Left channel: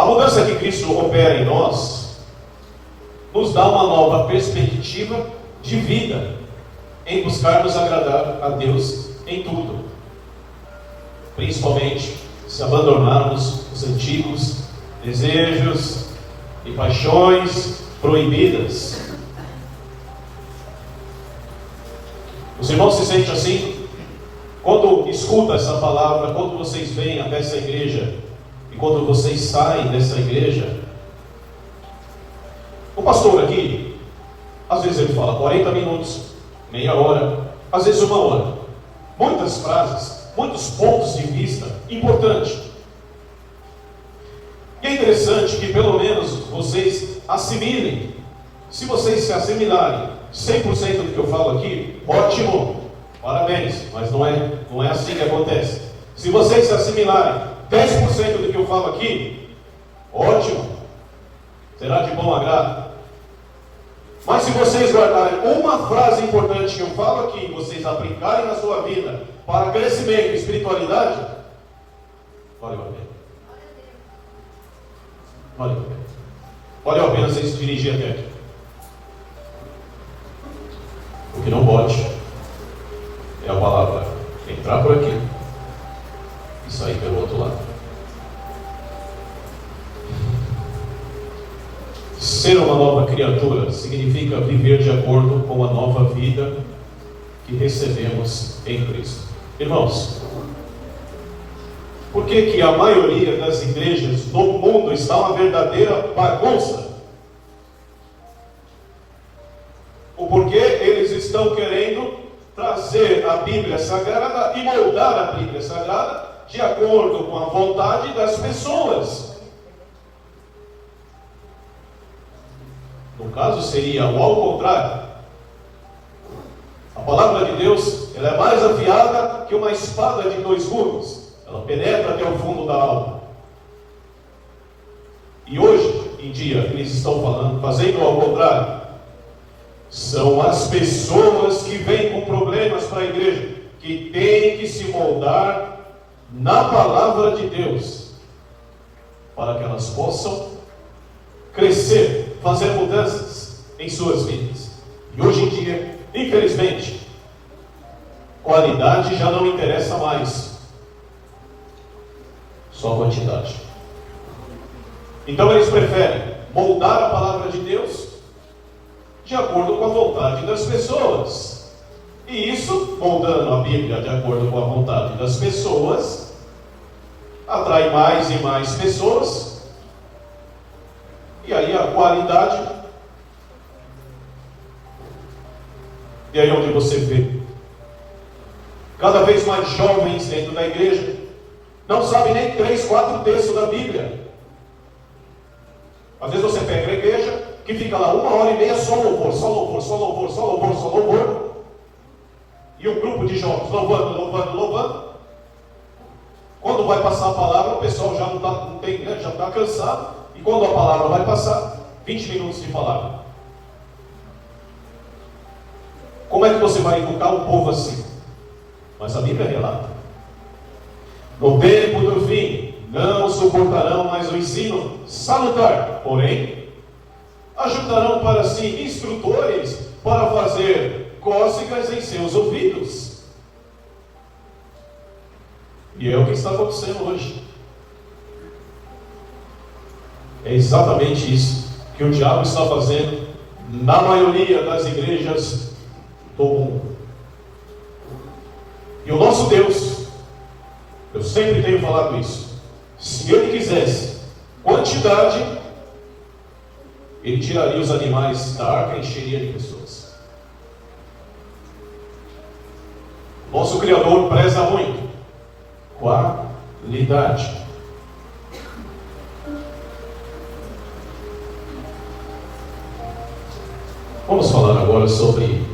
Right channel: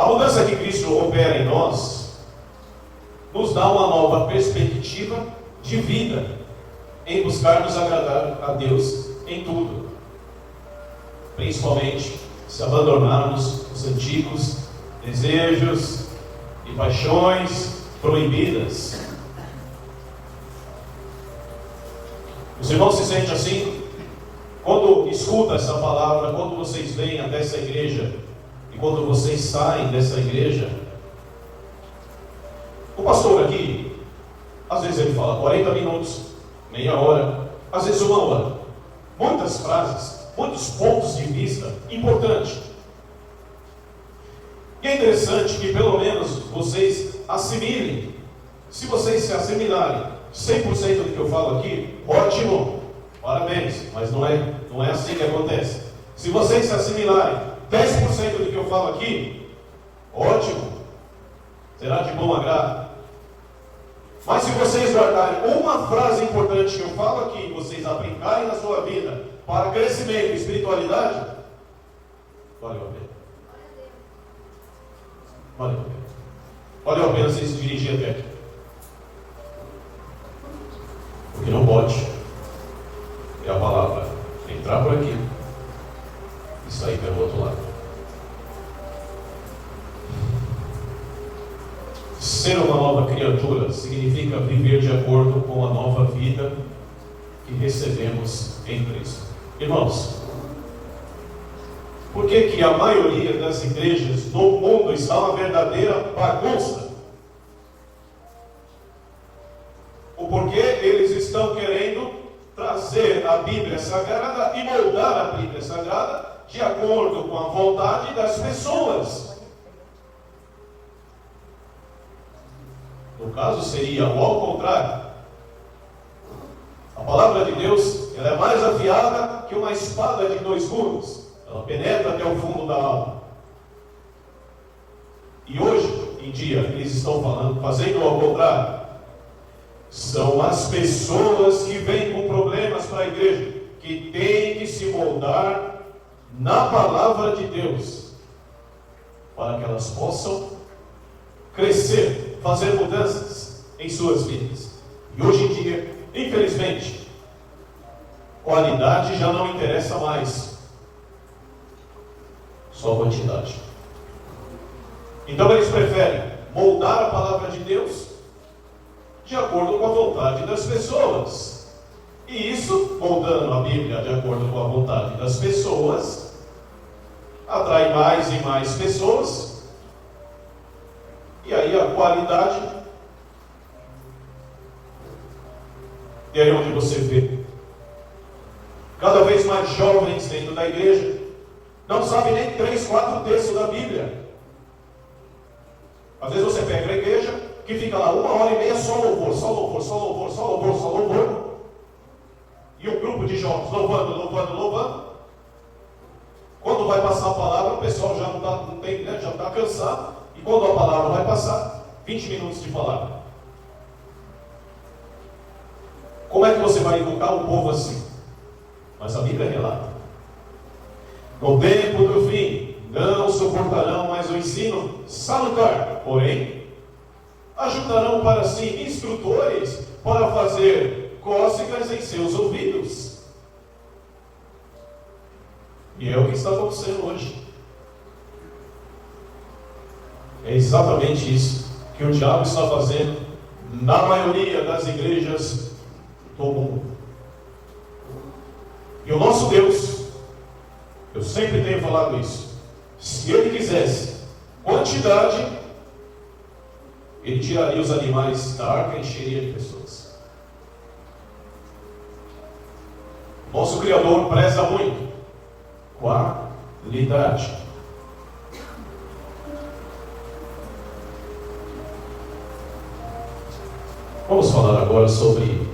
A mudança que Cristo opera em nós nos dá uma nova perspectiva de vida em buscarmos agradar a Deus em tudo, principalmente se abandonarmos os antigos desejos e paixões proibidas. Os irmãos se sentem assim? Quando escuta essa palavra, quando vocês vêm até essa igreja e quando vocês saem dessa igreja, o pastor aqui, às vezes ele fala 40 minutos, meia hora, às vezes uma hora. Muitas frases, muitos pontos de vista importantes. E é interessante que pelo menos vocês assimilem. Se vocês se assimilarem 100% do que eu falo aqui, ótimo, parabéns, mas não é assim que acontece. Se vocês se assimilarem 10% do que eu falo aqui, ótimo, será de bom agrado. Mas se vocês guardarem uma frase importante que eu falo aqui, e vocês aplicarem na sua vida para crescimento e espiritualidade, valeu a pena. Valeu a pena. Valeu a pena vocês se dirigir até aqui. O que não pode é a palavra entrar por aqui e sair pelo outro lado. Ser uma nova criatura significa viver de acordo com a nova vida que recebemos em Cristo. Irmãos, por que a maioria das igrejas do mundo está uma verdadeira bagunça? O porquê eles estão querendo trazer a Bíblia Sagrada e moldar a Bíblia Sagrada de acordo com a vontade das pessoas. No caso seria o ao contrário. A palavra de Deus, ela é mais afiada que uma espada de 2 gumes. Ela penetra até o fundo da alma. E hoje em dia eles estão fazendo ao contrário. São as pessoas que vêm com problemas para a igreja, que têm que se moldar na palavra de Deus, para que elas possam crescer, fazer mudanças em suas vidas. E hoje em dia, infelizmente, qualidade já não interessa mais, só quantidade. Então eles preferem moldar a palavra de Deus de acordo com a vontade das pessoas. E isso, moldando a Bíblia de acordo com a vontade das pessoas, atrai mais e mais pessoas. E aí a qualidade, e aí onde você vê cada vez mais jovens dentro da igreja, não sabem nem 3, 4 textos da Bíblia. Às vezes você pega a igreja que fica lá 1h30 só louvor, só louvor, só louvor, só louvor, só louvor, e um grupo de jovens louvando, louvando, louvando. Quando vai passar a palavra, o pessoal já já está cansado, e quando a palavra vai passar, 20 minutos de palavra. Como é que você vai educar o povo assim? Mas a Bíblia relata: no tempo do fim não suportarão mais o ensino salutar, porém ajuntarão para si instrutores para fazer cócegas em seus ouvidos. E é o que está acontecendo hoje. É exatamente isso que o diabo está fazendo na maioria das igrejas do mundo. E o nosso Deus, eu sempre tenho falado isso, se Ele quisesse quantidade, Ele tiraria os animais da arca e encheria de pessoas. Nosso Criador preza muito qualidade. Vamos falar agora sobre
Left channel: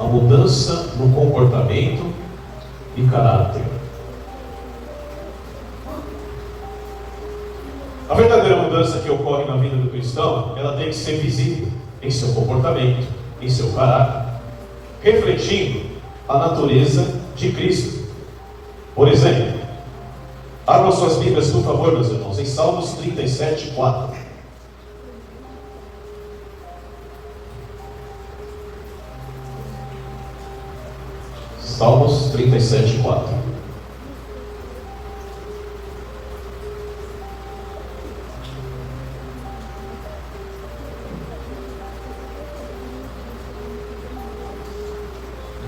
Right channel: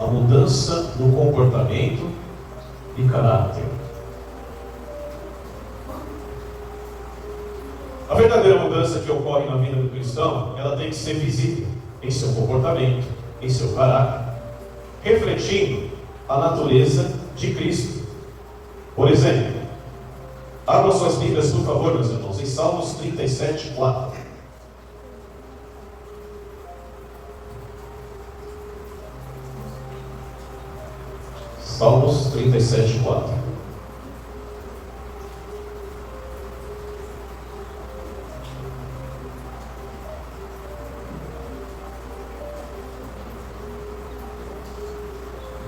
a mudança no comportamento e caráter. A verdadeira mudança que ocorre na vida do cristão, ela tem que ser visível em seu comportamento, em seu caráter, refletindo a natureza de Cristo. Por exemplo, a Abram suas Bíblias, por favor, meus irmãos, em Salmos 37, 4. Salmos 37, 4.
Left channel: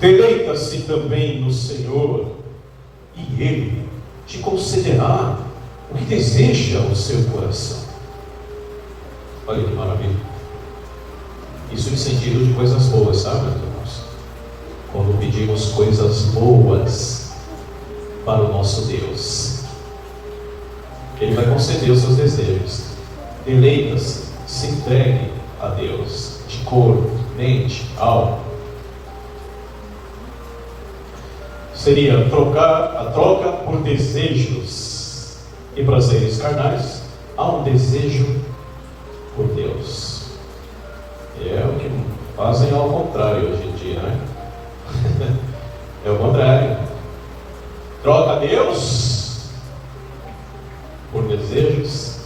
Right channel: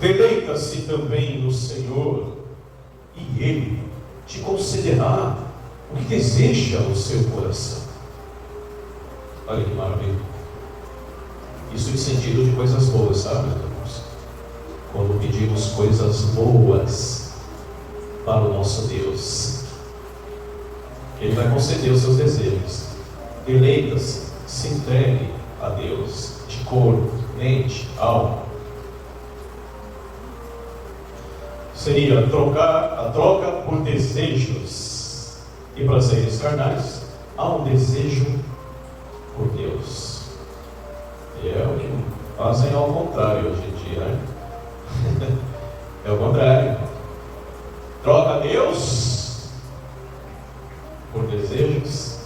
Deleita-se também no Senhor, e Ele te concederá o que deseja o seu coração. Olha que maravilha. Isso em sentido de coisas boas, sabe, irmãos? Quando pedimos coisas boas para o nosso Deus, Ele vai conceder os seus desejos. Deleita-se, se entregue a Deus, de corpo, mente, alma. Seria a troca por desejos e prazeres carnais, há um desejo por Deus. É o que fazem ao contrário hoje em dia, né? É o contrário. Troca Deus por desejos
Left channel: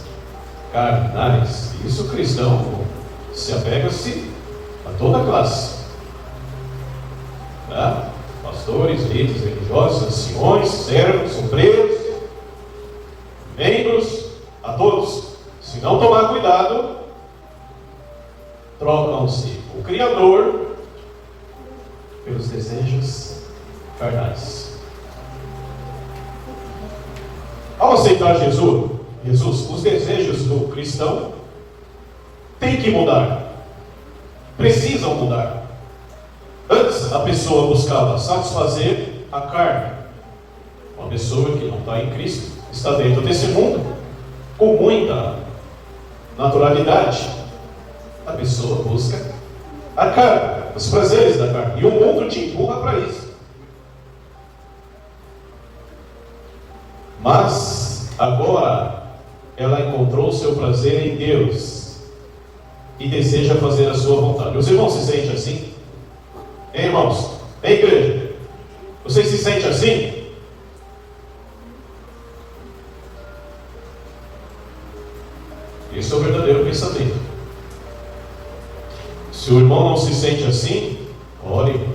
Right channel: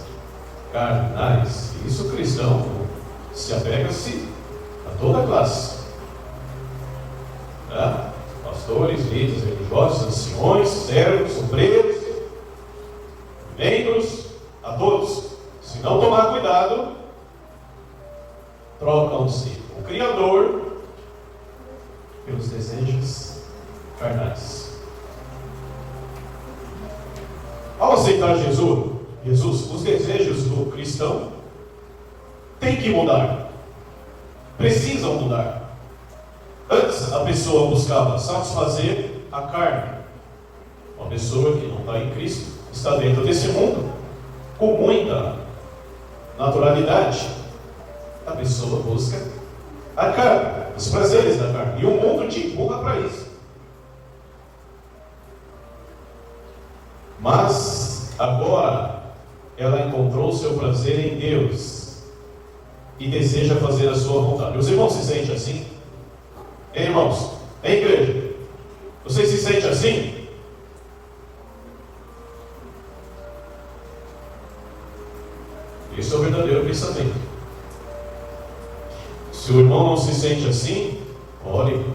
carnais. Isso o cristão se apega-se a toda classe. Tá? Pastores, líderes religiosos, anciões, servos, obreiros, membros, a todos. Se não tomar cuidado, trocam-se o Criador pelos desejos carnais. Ao aceitar Jesus, os desejos do cristão têm que mudar, precisam mudar. Antes a pessoa buscava satisfazer a carne. Uma pessoa que não está em Cristo está dentro desse mundo com muita naturalidade. A pessoa busca a carne, os prazeres da carne, e o mundo te empurra para isso. Mas agora ela encontrou o seu prazer em Deus e deseja fazer a sua vontade. Os irmãos se sentem assim? Hein, irmãos? Hein, igreja? Vocês se sentem assim? Isso é o verdadeiro pensamento. Se o irmão não se sente assim, ore.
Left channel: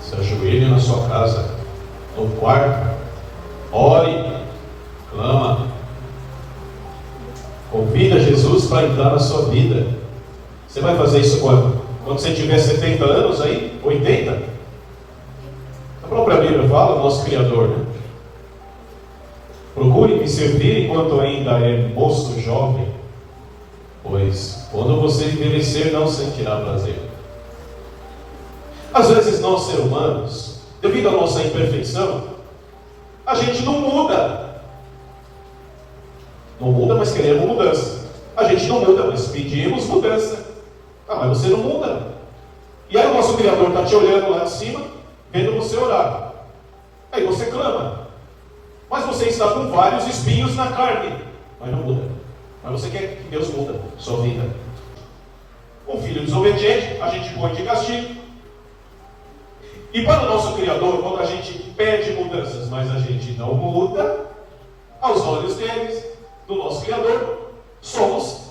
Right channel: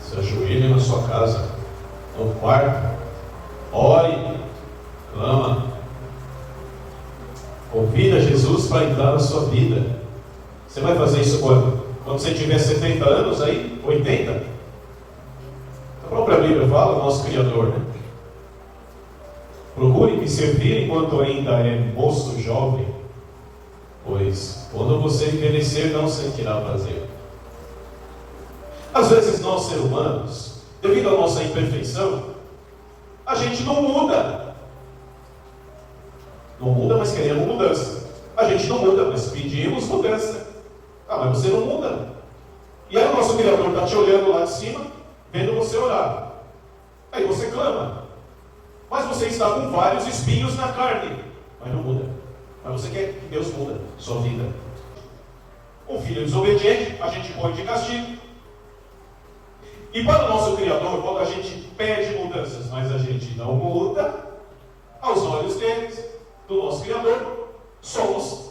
Se ajoelhe na sua casa, no quarto, ore, clama. Convida Jesus para entrar na sua vida. Você vai fazer isso quando? Quando você tiver 70 anos aí? 80? A própria Bíblia fala, o nosso Criador, né? Procure me servir enquanto ainda é moço jovem, pois quando você envelhecer não sentirá prazer. Às vezes nós, seres humanos, devido à nossa imperfeição, a gente não muda. Não muda, mas queremos mudança. A gente não muda, mas pedimos mudança. Ah, mas você não muda. E aí o nosso Criador está te olhando lá de cima, vendo você orar. Aí você clama. Mas você está com vários espinhos na carne, mas não muda. Mas você quer que Deus muda sua vida. Um filho desobediente, a gente põe de castigo. E para o nosso Criador, quando a gente pede mudanças, mas a gente não muda, aos olhos deles, do nosso Criador, somos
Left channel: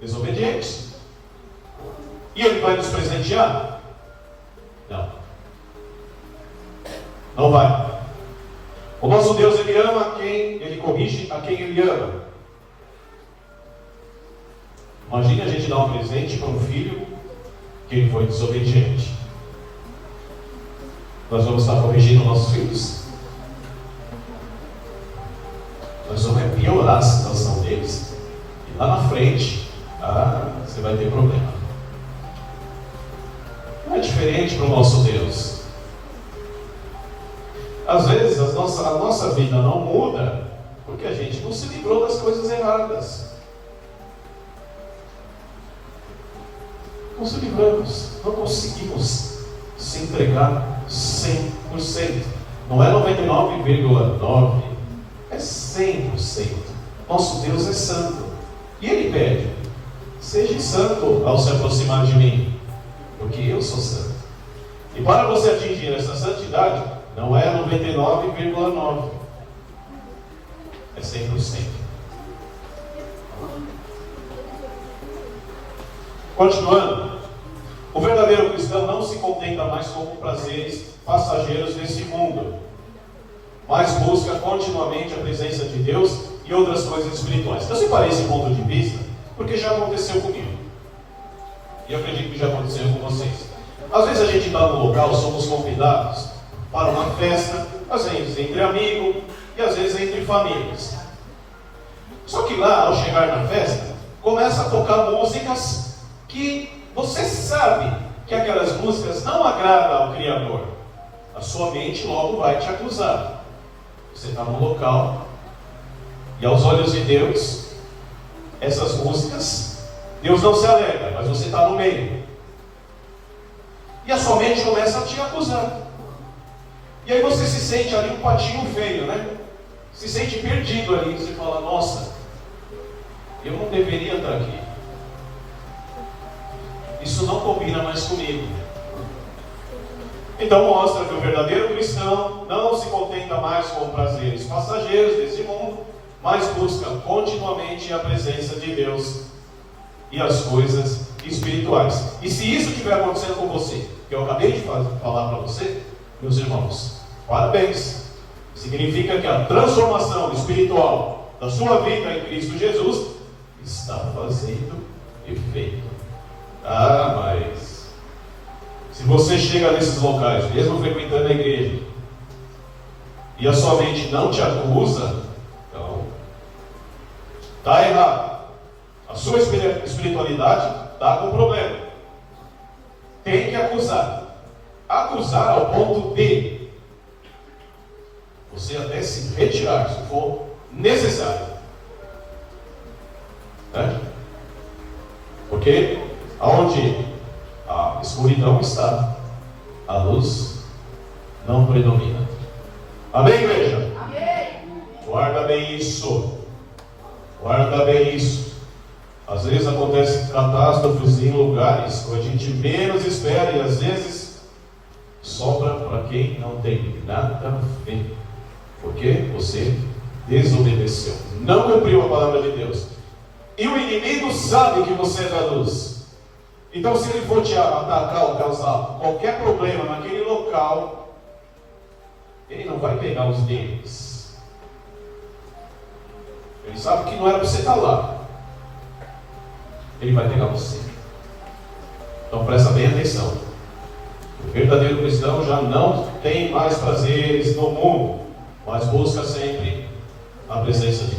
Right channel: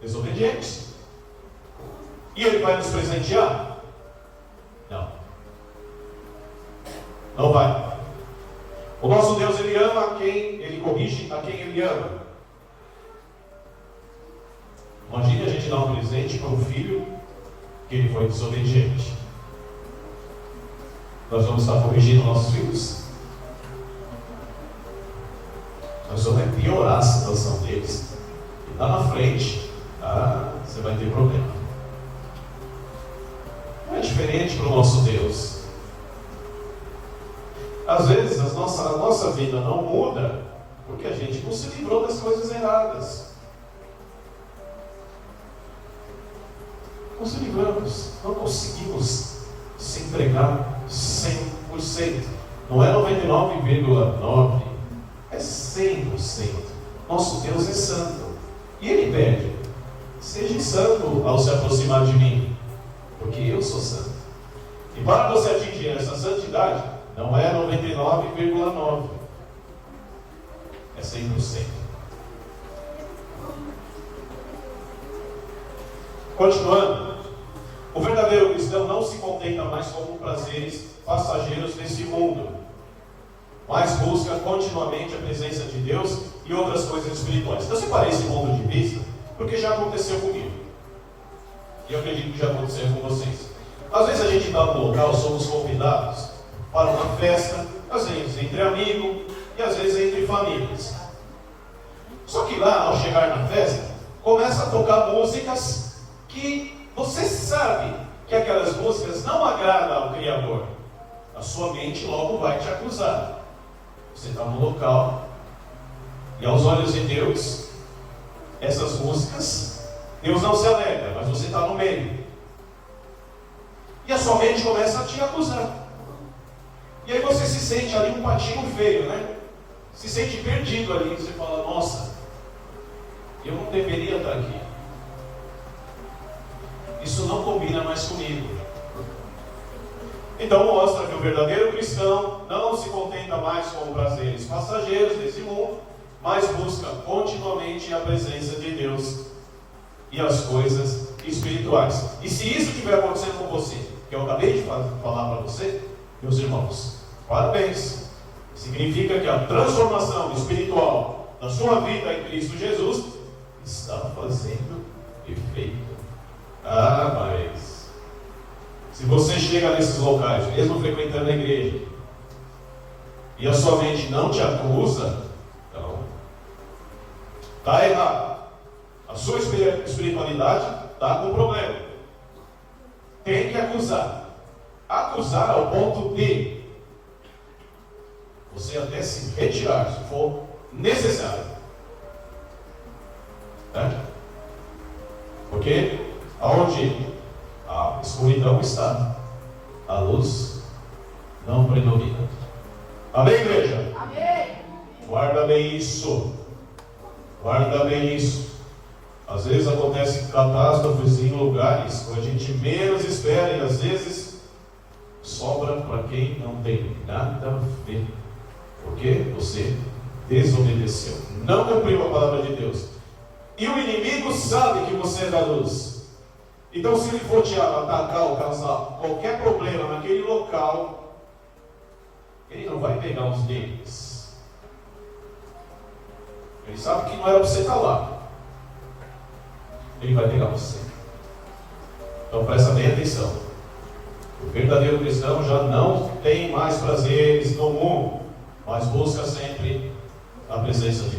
desobedientes. E Ele vai nos presentear? Não. Não vai. O nosso Deus, Ele ama a quem Ele corrige, a quem Ele ama. Imagine a gente dar um presente para um filho que ele foi desobediente. Nós vamos estar corrigindo nossos filhos? Nós vamos piorar a situação deles. E lá na frente, você vai ter problema. Não é diferente para o nosso Deus. Às vezes a nossa vida não muda porque a gente não se livrou das coisas erradas. Não se livramos, não conseguimos se entregar 100%. Não é 99,9%, é 100%. Nosso Deus é santo. E Ele pede: seja santo ao se aproximar de mim, porque eu sou santo. E para você atingir essa santidade, Não é 99,9%. É 100%. Continuando, o verdadeiro cristão não se contenta mais com prazeres passageiros desse mundo, mas busca continuamente a presença de Deus e outras coisas espirituais. Eu separei esse ponto de vista porque já aconteceu comigo. E eu acredito que já aconteceu com vocês. Às vezes a gente está no local, somos convidados para uma festa, às vezes entre amigos e às vezes entre famílias. Só que lá, ao chegar na festa, começa a tocar músicas que você sabe que aquelas músicas não agradam ao Criador. A sua mente logo vai te acusar. Você está no local e aos olhos de Deus, essas músicas, Deus não se alegra, mas você está no meio. E a sua mente começa a te acusar. E aí você se sente ali um patinho feio, né? Se sente perdido ali. Você fala, nossa, eu não deveria estar aqui. Isso não combina mais comigo. Então mostra que o verdadeiro cristão não se contenta mais com prazeres passageiros desse mundo, mas busca continuamente a presença de Deus e as coisas espirituais. E se isso estiver acontecendo com você, que eu acabei de falar para você, meus irmãos, parabéns. Significa que a transformação espiritual da sua vida em Cristo Jesus está fazendo efeito. Mas se você chega nesses locais, mesmo frequentando a igreja, e a sua mente não te acusa, então está errado. A sua espiritualidade está com problema. Tem que acusar. Acusar ao ponto de você até se retirar, se for necessário. Né? Porque aonde a escuridão está, a luz não predomina. Amém, igreja? Amém. Guarda bem isso. Guarda bem isso. Às vezes acontecem catástrofes em lugares que a gente menos espera e às vezes sobra para quem não tem nada a ver. Porque você desobedeceu, não cumpriu a palavra de Deus. E o inimigo sabe que você é da luz. Então, se ele for te atacar ou causar qualquer problema naquele local, ele não vai pegar os deles. Ele sabe que não era para você estar lá. Ele vai pegar você. Então, presta bem atenção. O verdadeiro cristão já não tem mais prazeres no mundo, mas busca sempre a presença de